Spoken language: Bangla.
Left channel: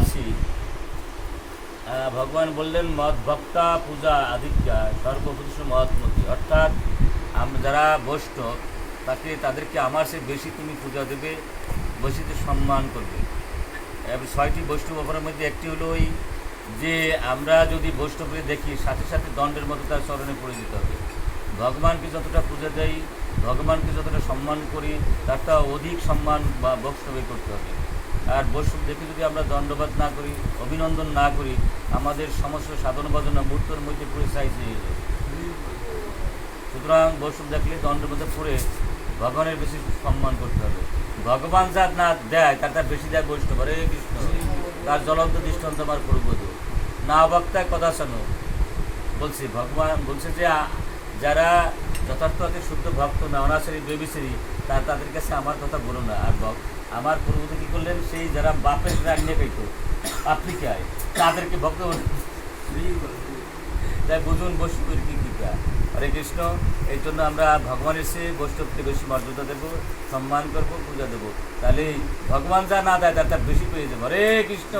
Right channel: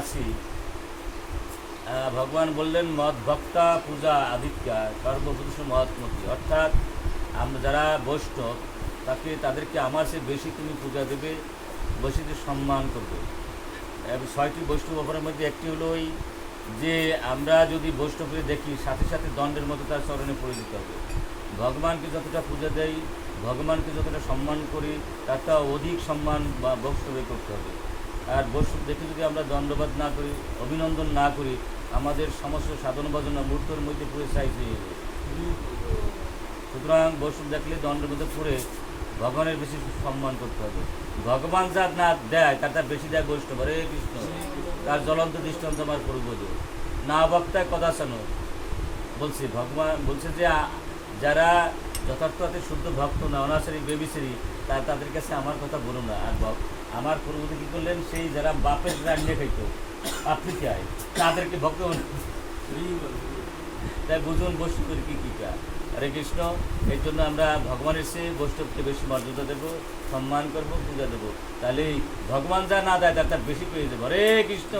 আছি। ভগবান বললেন, মদ ভক্তা, পূজা আদিত্যা সর্বপুরুষ মহাত্মতি অর্থাৎ, আমরা যারা বৈষ্ণব তাকে তাদেরকে আমার সে বেশি তুমি পূজা দেবে, বেশি তো সম্মান করবে। ছয়টি বৈষ্ণব অপরাধের মধ্যে একটি হলো ওই যে, আমরা যদি বৈষ্ণবকে দেখি, সাথে সাথে দণ্ডের মতো তার চরণে পড়ে দিতে হবে। ভগবানকে যতটা পূজা দেয় ভগবানকে যতটা সম্মান করি, তার তা অধিক সম্মান বা বৈষ্ণবে করতে হবে। আর বৈষ্ণব দেখে যদি আমরা দণ্ডবাদ না করি, অভিনন্দন না করি, আমাদের সমস্ত সাধন ভজনা মূর্তর মধ্যে পুরো সাইজ হয়ে যাবে সুতরাং বৈষ্ণব দেখলে দণ্ডবাদে পড়ে ভগবানের বেশি সম্মান করতে হবে। ভগবান যা না দেয়, তার তার বেশি দেয় বৈষ্ণব। হরে কৃষ্ণ। তার জ্বলন্ত দৃষ্টান্ত আমার পূর্বজ না বক্তায় কথা শোনো। বলছি, ভগবান বলছে যে, যারা যথার্থ শুদ্ধ ভক্ত না অনাচারী বেবিচারী তা তাদের কাছে আমার কথা বলো না, আর আমার পূর্বতে কী করলেন? সেই যারা বাপের রান্নে খাইতো, আপনি খায় তাদেরকে ভক্ত। তাই বুঝুন বৈষ্ণবের কী কৃপা। হরে কৃষ্ণ, এই জন্য আমরা ভগবানের সে বৈষ্ণবকে বেশি মর্যাদা দেবো, সম্মান করব, পূজা দেবো। তাহলে ভগবান যা না দেয়, তার তার বেশি পেয়ে যাব। হরে কৃষ্ণ।